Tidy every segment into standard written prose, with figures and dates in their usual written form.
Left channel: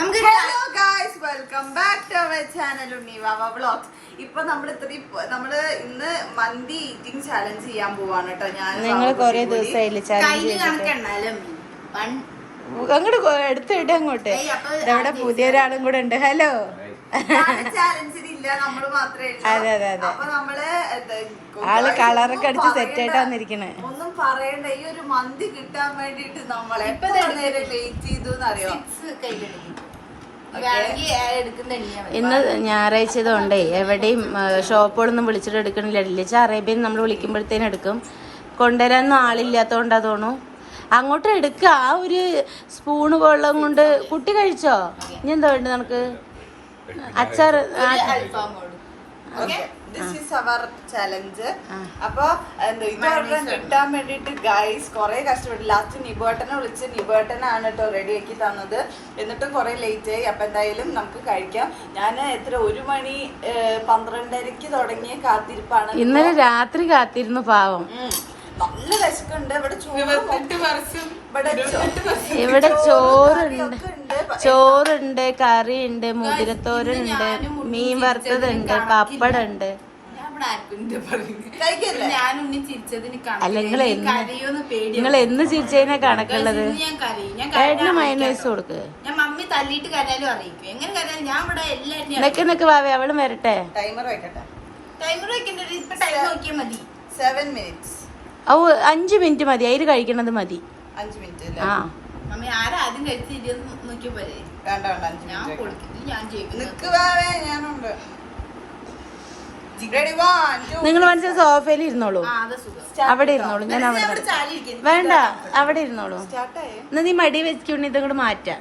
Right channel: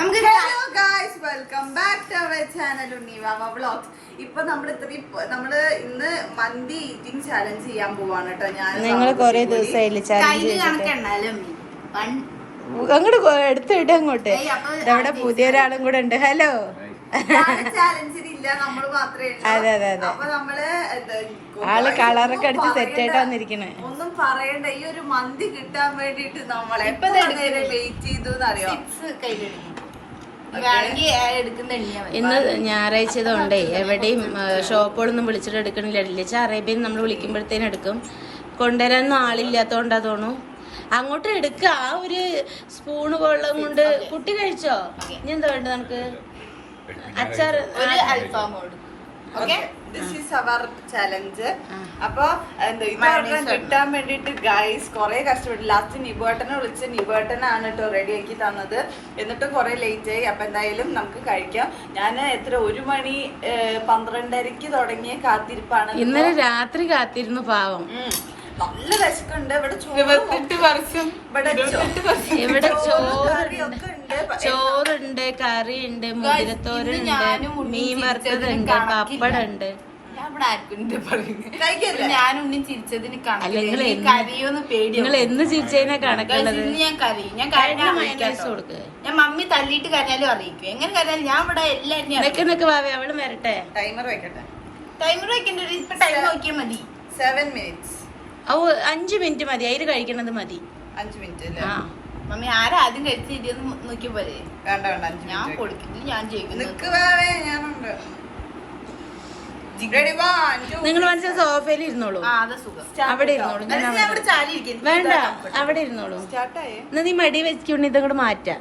Welcome back to our channel Unnivava vlogs. ഇപ്പൊ നമ്മള് ഇന്ന് മന്തി ഈറ്റിംഗ് ചാലഞ്ച് ചെയ്യാൻ പോവാണ് കേട്ടോ. നിങ്ങൾ കൊറേ ദിവസമായില്ലേ അങ്ങോട്ട് എടുത്തിട്ട് അങ്ങോട്ട് ഇവിടെ പുതിയ ഒരാളും കൂടെ ഉണ്ട്. ഹലോ ചാലഞ്ചിനില്ല, നമ്മള് മാത്രമേ. അതെ അതെ അതെ, അപ്പൊ നമ്മള് ആള് കളറൊക്കെ അടിച്ച് സെറ്റ് ആയിട്ടാ വന്നിരിക്കണേ. ഒന്നും പറയണ്ട, ഈ ഒരു മന്തി കിട്ടാൻ വേണ്ടിട്ട് നമ്മളെ വെയിറ്റ് ചെയ്തു അറിയാം. ഇന്ന് ഞായറാഴ്ചതുകൊണ്ടേ എവിടെയും ഷോപ്പുകളൊന്നും വിളിച്ചിട്ട് എടുക്കണില്ല. ഇല്ലിച്ച അറേബ്യൻ നമ്മൾ വിളിക്കുമ്പോഴത്തേനും എടുക്കും. കൊണ്ടുവരാനൊന്നും ആളില്ലാത്തോണ്ടാ തോന്നുന്നു. അങ്ങോട്ട് എടുക്ക. ആ ഒരു സ്പൂണ് വെള്ളം കൊണ്ട് കുട്ടി കഴിച്ചോ? ഇനി എന്താ വേണ്ടത് നമുക്ക്? അച്ചാർ ചലഞ്ച്. അപ്പൊ കിട്ടാൻ വേണ്ടിട്ട് ഗൈസ് കൊറേ കഷ്ടപ്പെട്ടു. ലാസ്റ്റ് നിബേട്ടനെ വിളിച്ച് നിബേട്ടനാണ് കേട്ടോ റെഡിയാക്കി തന്നത്. എന്നിട്ടും കൊറേ ലേറ്റ് ആയി. അപ്പൊ എന്തായാലും നമുക്ക് കഴിക്കാം. ഞാൻ 1 മണി 12:30 തുടങ്ങിയ കാത്തിരിപ്പാണ്. ഇന്നലെ രാത്രി കാത്തിരുന്നു പാവം. നല്ല വിശക്കുണ്ട്. ഇവിടെ ചോറുണ്ട്, കറിയുണ്ട്, മുതിരത്തോരുണ്ട്, മീൻ വറുത്തതുണ്ട്, പപ്പടുണ്ട്. നിങ്ങൾ എന്ന് ചിരിച്ചതിനാ കണക്കുള്ളത്. മൈനസ് കൊടുക്ക്. ഞാൻ മമ്മി തല്ലിട്ട് കരയാലും അറിയിക്കും. എങ്ങനെ കരയാലും ഞാൻ ഇവിടെ എല്ലാരും നിനക്ക് വാവേ അവള് വരട്ടെ. ടൈമർ വെക്കട്ടെ. ടൈമർ വെക്കണ്ട, ഇപ്പൊ ടൈം നോക്കിയാൽ മതി. 7 minutes. 5 മിനിറ്റ് മതി. അതിൽ കഴിക്കണത് മതി. 5 minute. ആ മമ്മി ആരാ ആദ്യം കഴിച്ചിരുന്ന് നോക്കിയ പോലെ. വേണ്ട വേണ്ട, ഞാൻ കൊടുക്കുന്നത് ഞാൻ ജയിക്കുന്നു. നിങ്ങൾ മനസ്സിൽ സോഫയിൽ ഇരുന്നോളൂ. അവിടെ ഇരുന്നോളൂ. ഞാൻ വേണ്ട, അവിടെ ഇരുന്നോളൂ. എന്നാ നീ മടി വെച്ചുകൊണ്ട് ഇതങ്ങോട്ട് മാറ്റാം.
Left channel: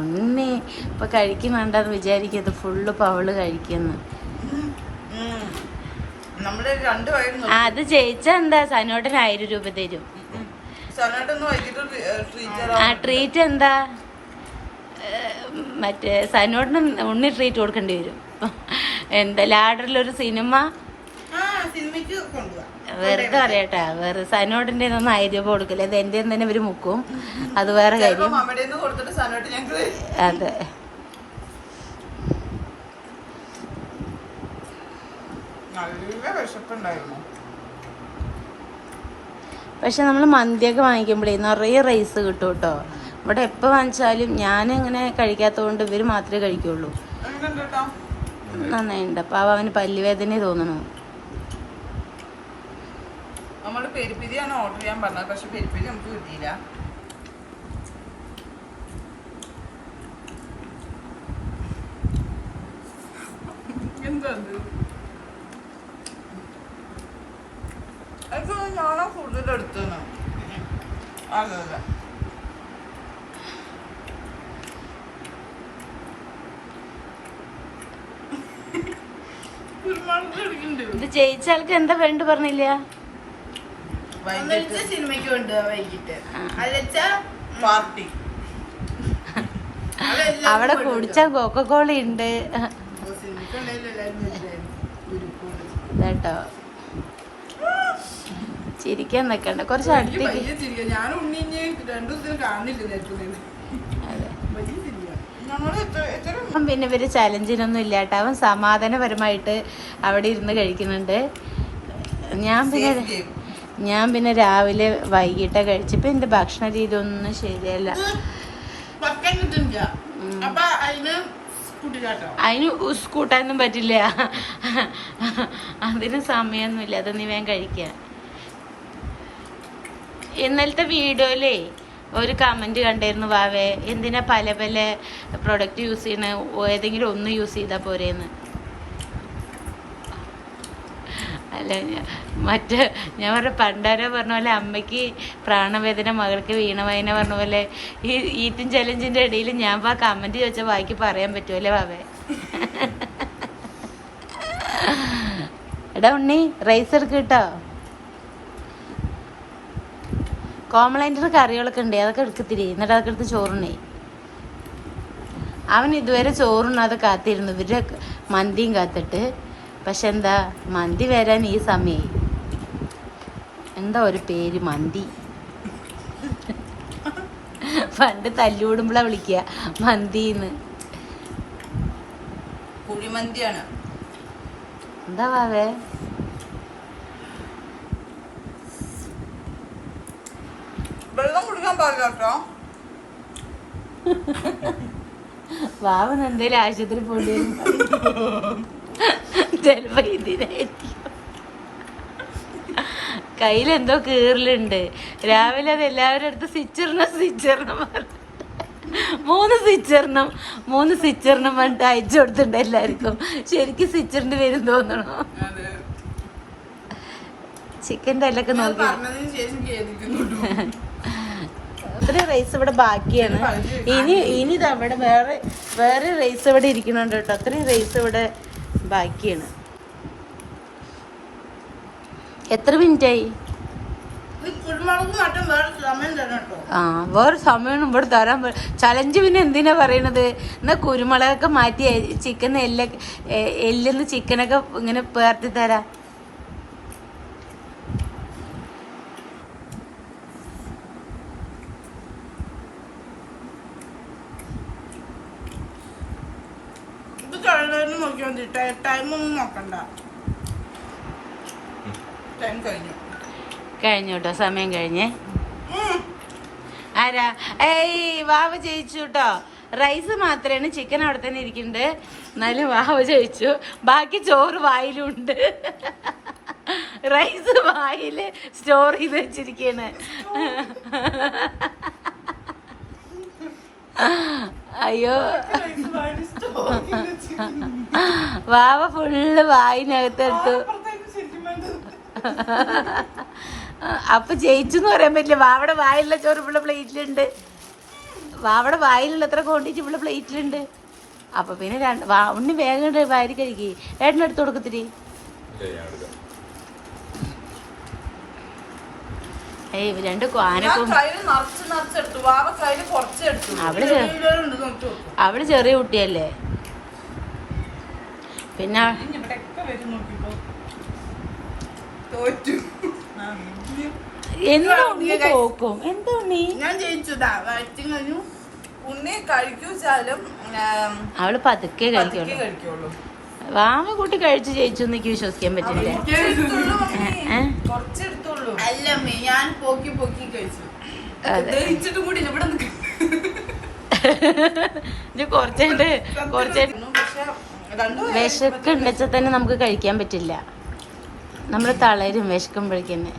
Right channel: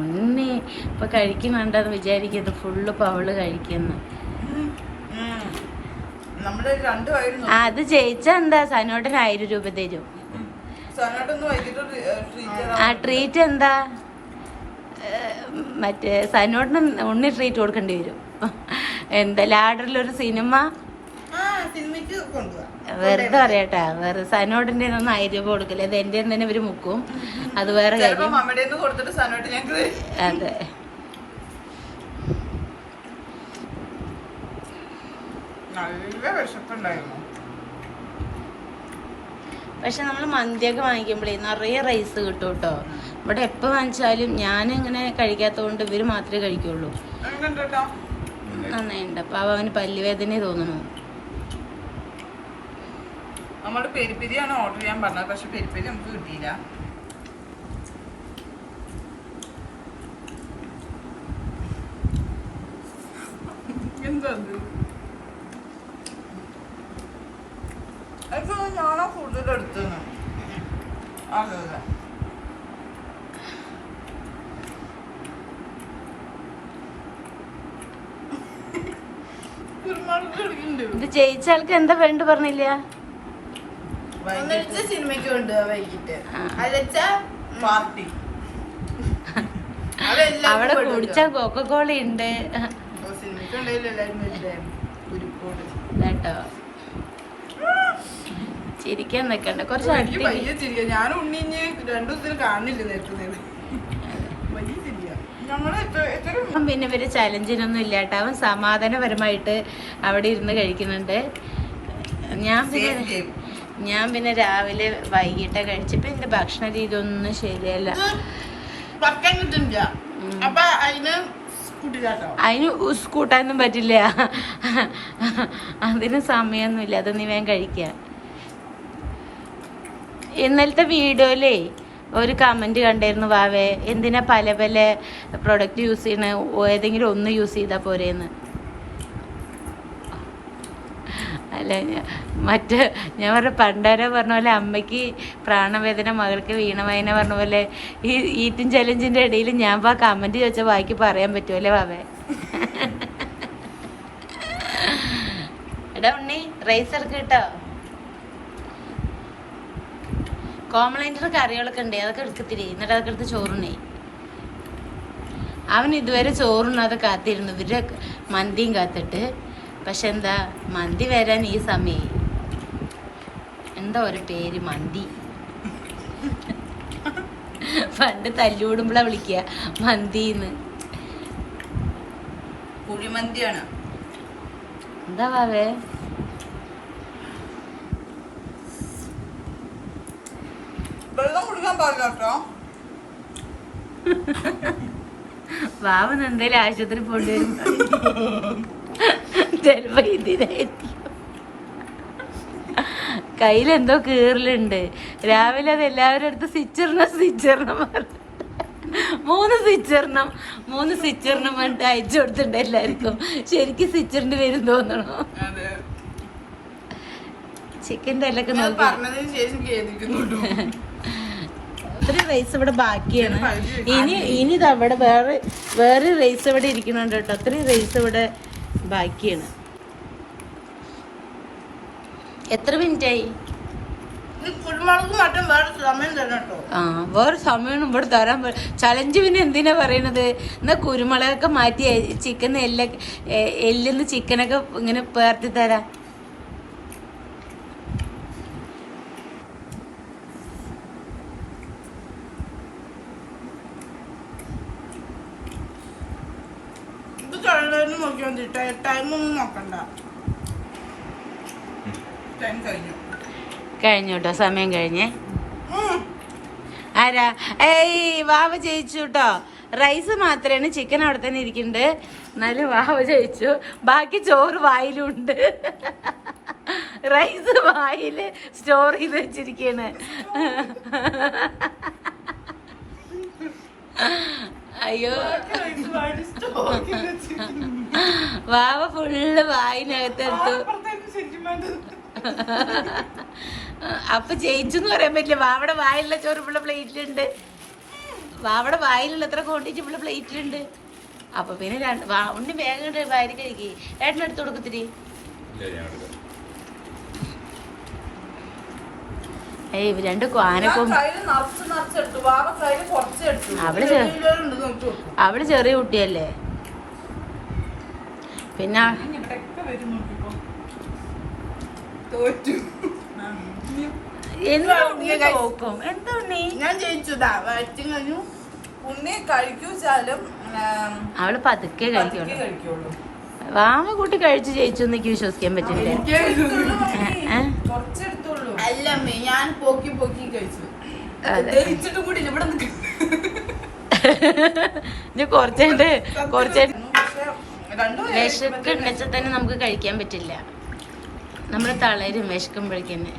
ഒന്നേ ഇപ്പൊ കഴിക്കുന്നുണ്ടെന്ന് വിചാരിക്കത് ഫുള്ള് പവള് കഴിക്കുന്നു. അത് ജയിച്ച എന്താ സനോട്ടന് 1000 രൂപ തരും. ആ ട്രീറ്റ് എന്താ? മറ്റേ സനോട്ടിന് ഉണ്ണി ട്രീറ്റ് കൊടുക്കേണ്ടി വരും. എന്താ ലാഡറിലൊരു സിനിമ വെറുതെ അറിയട്ടാ. വേറെ സനോട്ടിന്റെ 1000 രൂപ കൊടുക്കില്ല. ഇത് എന്റെ തന്നെ ഇവര് മുക്കും. അത് വേറെ കാര്യം. അതെ, പക്ഷെ നമ്മൾ മന്തിയൊക്കെ വാങ്ങിക്കുമ്പോഴേ നിറയെ റൈസ് കിട്ടും കേട്ടോ. ഇവിടെ എപ്പോൾ വാങ്ങിച്ചാലും ഞാനിങ്ങനെ കഴിക്കാത്തതുകൊണ്ട് ഇവര് മാത്രമേ കഴിക്കുള്ളൂ. നന്നായിട്ടുണ്ട്. അപ്പൊ അവന് പല്ലുവേദന തോന്നണു. നമ്മള് പെരിപ്പിരിയാണ് ഓർഡർ ചെയ്യാൻ പറഞ്ഞത്. പക്ഷെ പെരിപ്പിരി നമുക്ക് കിട്ടിയില്ല. എന്താ ഞാനാ കൂടുതൽ എടുത്തത്. അതല്ല ഇത് ജയിച്ച ആൾക്ക് എന്താ വേണ്ട പറഞ്ഞില്ല. സിനിമയ്ക്ക് കൊണ്ട് വൈകിട്ട് പാർട്ടി അവിടെ കുടിച്ച കൊക്കക്കോള ഉണ്ട് കേട്ടോ. ചിരിക്കാൻ നിക്കണ്ട, കുറച്ച് ഞാൻ ഉണ്ണിഞ്ഞ് 2 ദിവസത്തിന് കാണില്ല. പിന്നെ ഇവര് ചലഞ്ചിനൊന്നും ഇല്ലാട്ടോ. അവൻ സമാധാനപരമായിട്ട് അവിടെ ഇരുന്ന് കഴിക്കുന്നുണ്ട്. ഞാൻ പിന്നെ രാവിലെ വൈകിട്ട് കഴിച്ചപ്പോ എന്റെ ഭക്ഷണ രീതി ഒന്നും ശരിയല്ല. അതിന് കൂട്ടാനൊന്നും പറ്റില്ല. അതിന് സമയമൊന്നുമില്ല. അത് നീ വേഗം കഴിക്കുക. ഇന്നലത്തെ വീഡിയോയിലേ ഒരു കമന്റ് കണ്ടായിരുന്നു, വാവേ എന്തിനാ പല പല പ്രൊഡക്റ്റ് യൂസ് ചെയ്യണ, ഏതെങ്കിലും ഒന്ന് യൂസ് ചെയ്താൽ പോരേന്ന്. അല്ല ഞാൻ പണ്ടാരോ പറഞ്ഞ പോലെ അമ്മയ്ക്ക് പ്രാണവേദന മകൾക്ക് വീണവേദന പറഞ്ഞ പോലെ ഈ ഈറ്റും ചലഞ്ചിന്റെ ഇടയിൽ ഞാൻ കമന്റ് ചോദിച്ചാൽ ബാക്കി പറയാൻ പറ്റുമല്ലേ വാവേ? എടാ ഉണ്ണി റൈസ് എടുക്ക് കേട്ടോ. കോംപ്ലൈൻറ്റർ കറികളൊക്കെ ഉണ്ട്, അതൊക്കെ എടുക്കത്തിരി. എന്നിട്ട് അതൊക്കെ എടുത്ത് ചോറുണ്ണേ. അവൻ ഇതുവരെ ചോറുണ്ണാതെ കാത്തിരുന്നു ഇവരുടെ മന്തിയും കാത്തിട്ട്. പക്ഷെ എന്താ, മന്തി വരാൻ ഈ സമയം എന്താ ഒരു പേര് മന്തി. പണ്ട് തല്ലുകൂടുമ്പോഴാ വിളിക്കുക മന്തിന്ന്. കുഴിമന്തിയാണ്. എന്താ വാവേ? വെള്ളം കുടിക്കാൻ പാടില്ല കേട്ടോ. വാവന്ന് എന്തേലും ആശുപത്രി പോണ്ടി വരും. ചിലപ്പോ ഇതിനായിരിക്കും. കയ്യിലെന്തോ കീറലുണ്ട്. രാവിലെ അത് എല്ലാവരും അടുത്ത് സ്വിച്ചറിനം 3 സ്വിച്ചറിനം പറഞ്ഞിട്ട് അയച്ചു കൊടുത്തിട്ടുണ്ട് എല്ലാവർക്കും. ശരിക്കും സ്വിച്ചറിന്റെ വരും തോന്നണോ? ചിക്കൻ്റെ എല്ലൊക്കെ നോക്കി. ഇത്രയും റൈസ് ഇവിടെ ബാക്കിയാണ്. ഇനി ഇത് അവിടെ വേറെ റൈസ് ഇവിടെ ഇരിക്കുന്നുണ്ട് കേട്ടോ. അത്രയും റൈസ് ഇവിടെ ബാക്കിയാണ്. എത്ര മിനിറ്റായി? ആ വേറെ സമയം ഇവിടെ തരാൻ. ചലഞ്ച് പിന്നെ എന്തിനാ പറയണത്? എന്നാ കുരുമുളകൊക്കെ മാറ്റി ചിക്കൻ എല്ലിന്ന് ചിക്കനൊക്കെ ഇങ്ങനെ പേർത്തി തരാം. കഴിഞ്ഞു കേട്ടോ, സമയം കഴിഞ്ഞേ. ആരാ? ഏയ് വാവ ജയിച്ചു കേട്ടോ. റൈസ് മാത്രമാണ്, ചിക്കൻ അവിടെ തന്നെ ഇരിക്കുന്നുണ്ട്. എന്നാലും വാവ ജയിച്ചു. ബാക്കി ചോറ് വായിലുണ്ട്. റൈസ് വായില് സ്റ്റോർ ചെയ്ത് വെച്ചിരിക്കാണ്. അയ്യോ, വാവ ഫുള്ള് വായിനകത്തെടുത്തു. അപ്പൊ ജയിച്ചു എന്ന് പറയാൻ പറ്റില്ല. വാവയുടെ വായിലുള്ള ചോറ് ഇവിടെ പ്ലേറ്റിലുണ്ട്. വാവയുടെ വായിലുള്ള എത്ര ക്വാണ്ടിറ്റി ഇവിടെ പ്ലേറ്റിലുണ്ട്. അപ്പൊ പിന്നെ ഉണ്ണി വേഗം വാരി കഴിക്കി. ഏട്ടനെടുത്ത് കൊടുക്കത്തിരി. ഏയ് 2 ആനക്കും. അവള് ചെറിയ കുട്ടിയല്ലേ. പിന്നെ അവള് പതുക്കെ കഴിക്കുള്ളൂ. വാമ കൂട്ടി കഴിച്ച് ജയിച്ചു എനിക്ക് വിശ്വസിക്കാൻ പറ്റില്ല. ഞാൻ പോക്കി കഴിച്ചു. കുറച്ചായിട്ട് വിശക്ക് ഉണ്ടെച്ചാൽ തന്നെ നമുക്ക് കഴിക്കാൻ പറ്റില്ല. നമ്മള് തളരും വിശക്കുമ്പോഴേക്കന്നെ.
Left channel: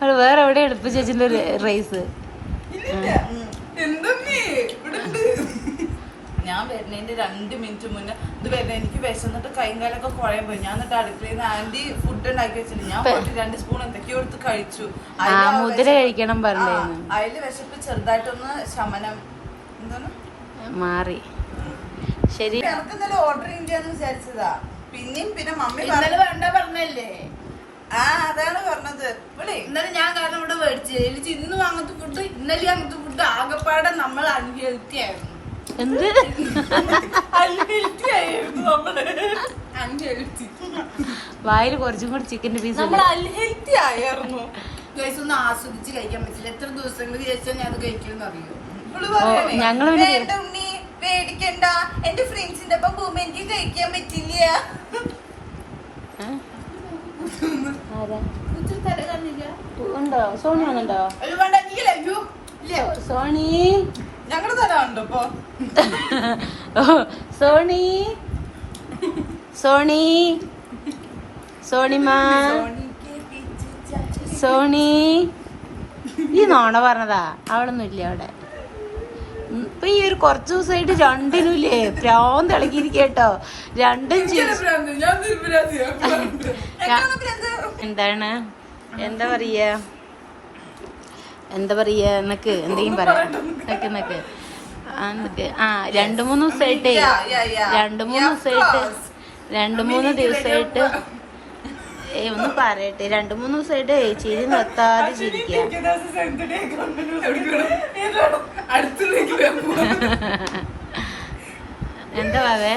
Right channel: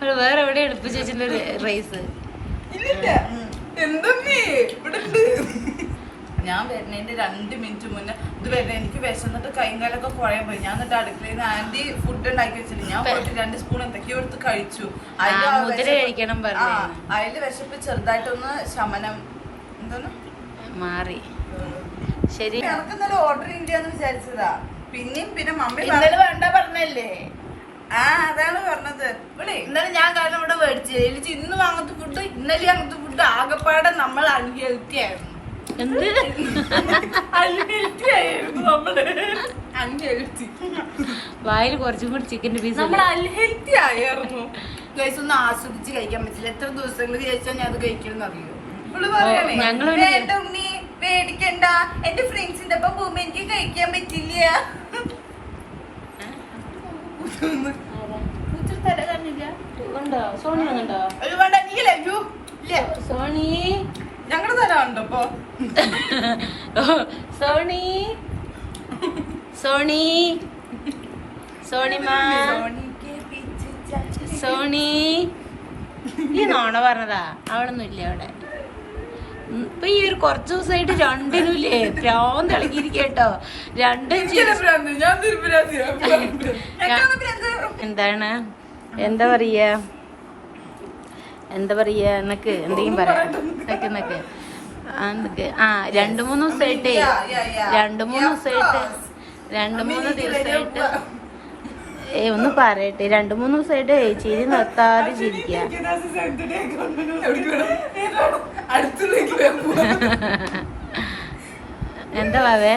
അവള് വേറെ എവിടെ എടുപ്പ് ചേച്ചിന്റെ റൈസ്? ഞാൻ വരുന്നതിന്റെ 2 മിനിറ്റ് മുന്നേ ഇത് വരുന്ന എനിക്ക് വിശന്നിട്ട് കൈകാലൊക്കെ കുഴയാൻ പോയി. ഞാൻ എന്നിട്ട് അടുക്കളയിൽ നിന്ന് ആന്റി ഫുഡ് ഉണ്ടാക്കി വെച്ചിട്ട് ഞാൻ പോയിട്ട് 2 സ്പൂൺ എന്തൊക്കെയോ എടുത്ത് കഴിച്ചു. മുതിര കഴിക്കണം പറഞ്ഞു. അതില് വിശപ്പ് ചെറുതായിട്ടൊന്ന് ശമനം എന്താണ് മാറി. ശരി, എനിക്ക് ഇന്നലെ ഓർഡർ ചെയ്യാന്ന് വിചാരിച്ചതാ. പിന്നെ മമ്മി വേണ്ട പറഞ്ഞല്ലേ? അതാണ് പറഞ്ഞത്. ഇന്നലെ ഞാൻ കാരണം ഇവിടെ മേടിച്ചു. ഇന്നും അങ്ങനത്തെ ഫുഡ് ഇന്നലെ അങ്ങനത്തെ ഫുഡ് ആകെപ്പാടെ നമ്മൾ അൺഹെൽത്തി ആയിരുന്നു. വായിൽ കുറച്ചും കൂടി ചിക്കന്റെ പീസ് അൺഹെൽത്തി ആയിരുന്നു. ഗൈസ് ഒന്നും ആസ്വദിച്ച് കഴിക്കാൻ പറ്റില്ല. എത്ര ദിവസങ്ങൾക്ക് ശേഷം ഞാൻ അത് കഴിക്കുമെന്ന് അറിയോ? ഞങ്ങള് പേടിക്കണ്ട, എന്റെ ഫ്രണ്ട്സിന്റെ ഒപ്പം പോകുമ്പോ എനിക്ക് കഴിക്കാൻ പറ്റില്ല. സോണി വന്നുണ്ടോ? സോണി ഞങ്ങള് തരാറുണ്ടോ ഇപ്പൊ? സോണി സോണി സോണിമാ സോണി. ഈ നോണ പറഞ്ഞതാ. അവളൊന്നും ഇല്ല അവിടെ. ഇപ്പൊ ഈ ഒരു കുറച്ച് ദിവസമായിട്ട് രണ്ടിനും ഇല്ലേ പ്രാന്ത് ഇളകിയിരിക്കട്ടോ. രണ്ടും എന്താണ് എന്താ പറയാ എന്നൊക്കെ എന്തെങ്കിലും പറയാം. 2-3 ദിവസമായിട്ടേ 2-3 ദിവസമായിട്ട് ഒന്ന് പറയട്ടെ. 2-3 ദിവസമായിട്ട് ചിരി നിർത്താതെ ചിരിക്കുക. എന്താ വാവേ?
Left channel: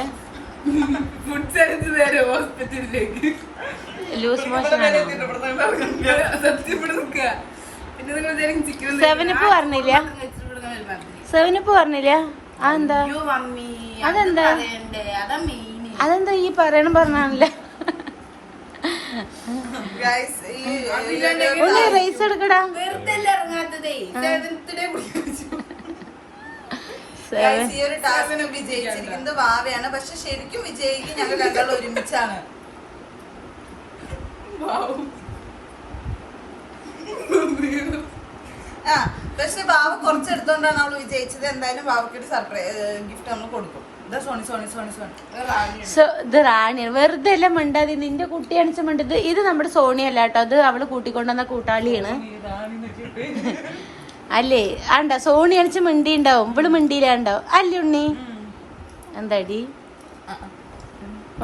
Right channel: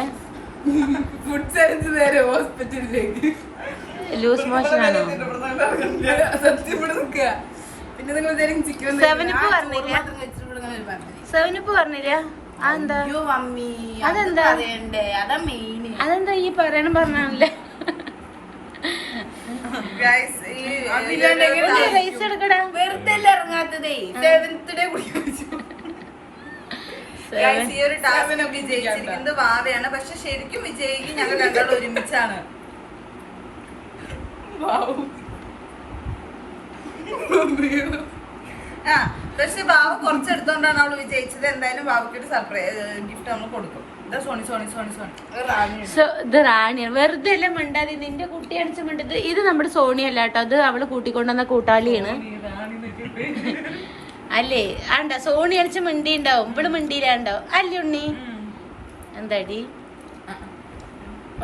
ഫുഡ് സയൻസ് നേരെ ഹോസ്പിറ്റലിലേക്ക് ലൂസ് മോഷൻ ആണോ? സത്യം ഇവിടെ നിൽക്കുക. പിന്നെ നിങ്ങൾ ചിക്കൻ സെവനിപ്പ് പറഞ്ഞില്ല? സെവനിപ്പ് പറഞ്ഞില്ല? അതെന്താ? അതെന്താ? അതാ മെയിൻ. അതെന്താ ഈ പറഞ്ഞാണല്ലേ? ഗൈസ് ഈ റൈസ് എടുക്കടാ. വെറുതെ ഇറങ്ങാത്തതേ. 7th ഡേ കുടിച്ചു. ഗൈസ് ഈ ഒരു ടാസ്കിൽ വിജയിച്ചിരിക്കുന്നത് വാവയാണ്. പക്ഷെ ശരിക്കും വിജയിക്കും ഞങ്ങൾ രണ്ടാളും ഒരുമിച്ചാണ്. ആ പക്ഷെ വാവ കുറച്ചെടുത്തോണ്ടാണ് അവള് വിജയിച്ചത്. എന്തായാലും വാവയ്ക്ക് ഒരു സർപ്രൈസ് ഗിഫ്റ്റ് നമ്മൾ കൊടുക്കും. ഇതാ സോണി സോണി സോണി സോണി ഇത് റാണിയാണ്. വെറുതെ എല്ലാം മിണ്ടാതെ നിന്റെ കുട്ടി അണിച്ച മിണ്ടത്. ഇത് നമ്മുടെ സോണിയല്ല കേട്ടോ, അത് അവള് കൂട്ടിക്കൊണ്ടുവന്ന കൂട്ടാളിയാണ്. അല്ലേ ആണ്ട സോണി അണിച്ച് മിണ്ടി ഉണ്ടാവും, ഇവള് മിണ്ടിയില്ലാണ്ടാവും അല്ലേ ഉണ്ണി? എന്താടി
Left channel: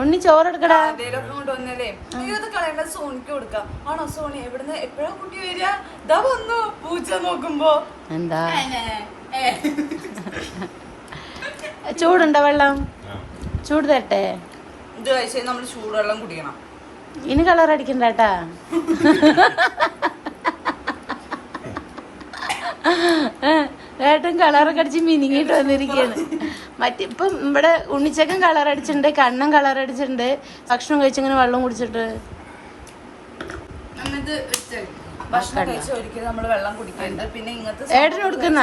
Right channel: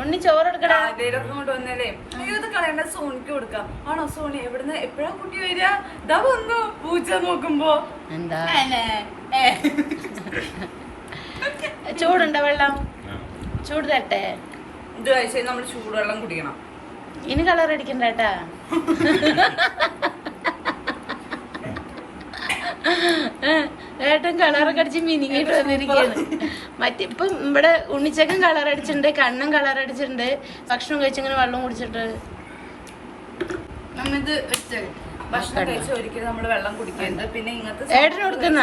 ഉണ്ണി ചോറെടുക്കടാ. കൊണ്ടുവന്നല്ലേ ഇത് കളയേണ്ട സോണിക്ക് കൊടുക്കാം. ആണോ സോണി? എവിടുന്ന് എപ്പോഴാ കുട്ടി വരിക? ഇതാ വന്നു പൂച്ച നോക്കുമ്പോ. എന്താ ചൂടുണ്ടോ വെള്ളം? ചൂട് തരട്ടെ? ഇത് കഴിച്ചാൽ നമ്മൾ ചൂടുവെള്ളം കുടിക്കണം. ഇനി കളർ അടിക്കണ്ടാട്ടാ. ഏട്ടൻ കളറൊക്കെ അടിച്ച് മിനിങ്ങിട്ട് വന്നിരിക്കുകയാണ്. മറ്റിപ്പം ഇവിടെ ഉണ്ണിച്ചക്കൻ കളർ അടിച്ചിട്ടുണ്ട്, കണ്ണൻ കളർ അടിച്ചിട്ടുണ്ട്, ഭക്ഷണം കഴിച്ചിങ്ങനെ വെള്ളം കുടിച്ചിട്ട്. ഭക്ഷണം കഴിച്ച് ഒരിക്കലും നമ്മള് വെള്ളം കുടിക്കരുത്. പിന്നെ ഇങ്ങനത്തെ ഏട്ടന് കൊടുക്കുന്ന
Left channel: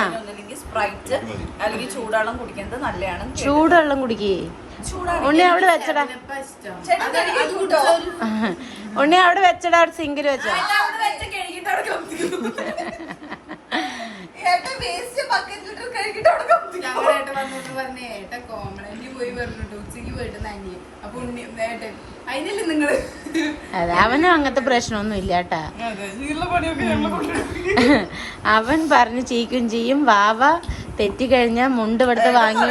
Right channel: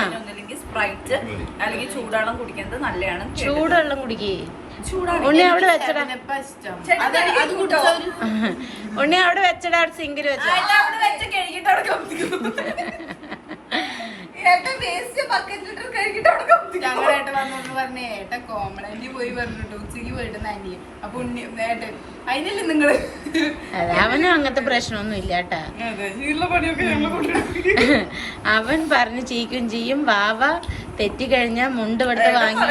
സ്പ്രൈറ്റ് അല്ലെങ്കിൽ ചൂടുവെള്ളം കുടിക്കുന്നത് നല്ലതാണ്. ചൂടുവെള്ളം കുടിക്കേ. ഉണ്ണി അവിടെ വെച്ചടാ, ഉണ്ണി അവിടെ വെച്ചടാ, സിങ്കില് വെച്ചോ. ഞങ്ങളേട്ടൻ വന്നോട്ട് പറഞ്ഞേ ഏട്ടൻ കോമളന്റി പോയി പറഞ്ഞിട്ട് ഉച്ചക്ക് പോയിട്ട് നന്ദി. അപ്പൊ ഉണ്ണി ഏട്ടൻ അതിനല്ലേ നിങ്ങള് അവനും അങ്ങനത്തെ പ്രശ്നമൊന്നും ഇല്ല കേട്ടാ. അവൻ പറഞ്ഞ് ചീക്കും ചെയ്യും. വാവ തെറ്റിക്കഴിഞ്ഞാ മുണ്ട് ഇവിടുത്തെ വാങ്ങി,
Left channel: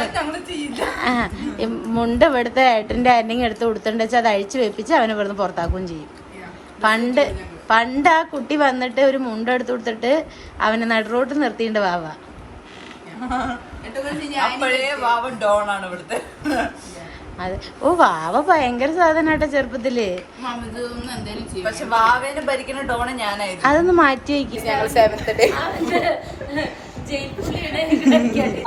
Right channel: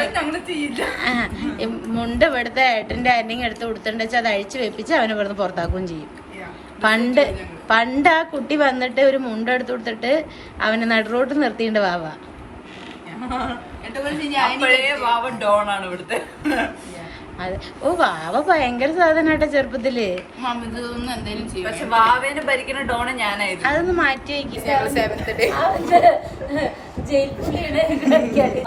മുണ്ട് ഇവിടുത്തെ ഏട്ടന്റെ ആരെങ്കിലും എടുത്ത് കൊടുത്തിട്ടുണ്ട് വെച്ചാൽ അത് അഴിച്ചു വെപ്പിച്ച് അവനെ ഇവിടുന്ന് പുറത്താക്കുകയും ചെയ്യും. പണ്ട് ആ കുട്ടി വന്നിട്ട് ഒരു മുണ്ട് എടുത്ത് കൊടുത്തിട്ട് അവനെ നടുറോട്ട് നിർത്തിയിട്ടുണ്ട് വാവ. വാവ ഡോൺ ആണ് ഇവിടുത്തെ. അതെ. ഓ വാവ ഭയങ്കര സാധനമായിട്ടാ ചെറുപ്പത്തില്. പക്ഷെ വാവേനെ ഭരിക്കുന്ന ഡോണ് ഞാനായിരുന്നു. അതൊന്ന് മാറ്റി വയ്ക്കും.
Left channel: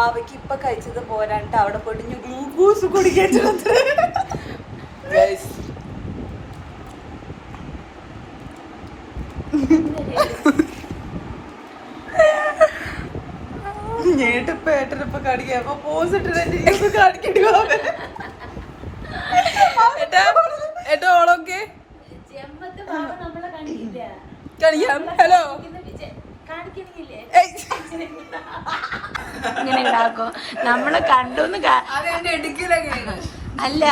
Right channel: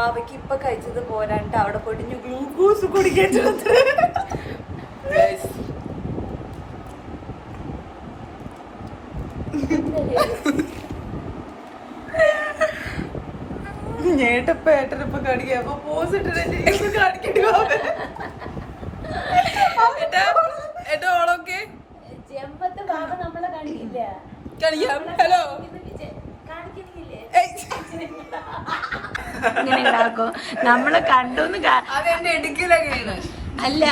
വാവയ്ക്ക് ഇപ്പൊ കഴിച്ചത് പോരാണ്ട് അവിടെ പോയിട്ട് ഗ്ലൂക്കോസ് കുടിക്കേണ്ടത്. ഏട്ടനിപ്പൊ കാണിക്കാം. പോസ് ഇട്ടിട്ട് കാണിക്കേണ്ടി ഓളൊക്കെ ഇങ്ങനെ ഉണ്ടാക്കും നമ്മളെ കണ്ടോന്ന്. അല്ല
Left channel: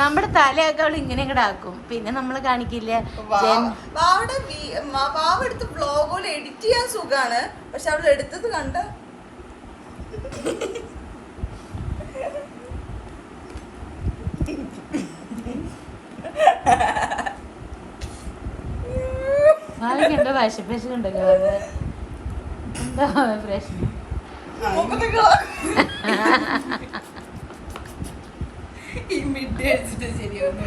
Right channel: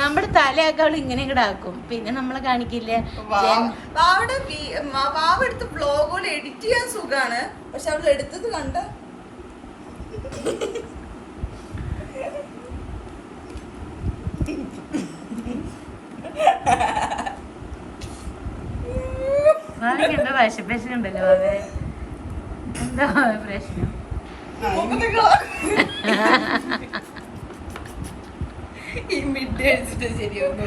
നമ്മുടെ തലയൊക്കെ അവള് ഇങ്ങനെ ഇങ്ങടാക്കും, പിന്നെ നമ്മള് കാണിക്കില്ല. വാവ എടുത്ത് വ്ലോഗുകൾ എഡിറ്റ് ചെയ്യാൻ സുഖാണ്, പക്ഷെ അവൾ എടുത്തത് കണ്ട എന്തോ വിശപ്പശുണ്ടല്ലോ. എന്താ പ്രശ്നം? ഈ മിഡ് അടിച്ചിട്ട് ശരിയാവും.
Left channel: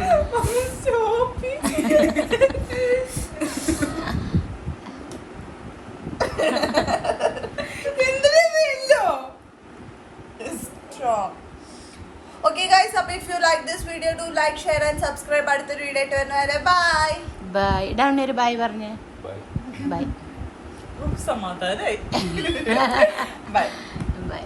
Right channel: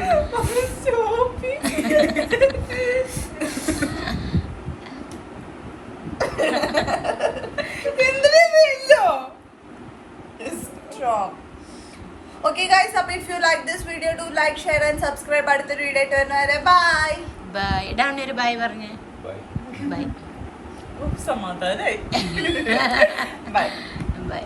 Okay guys, if you like this video, do like, share and subscribe. അടുത്തൊരു വീഡിയോ ആയിട്ട് വരുന്നവരെ ബൈ ബൈ. ഇടാണ് ഒരു ബൈ പറഞ്ഞേ. ബൈ. സമാധാനായി. Bye by.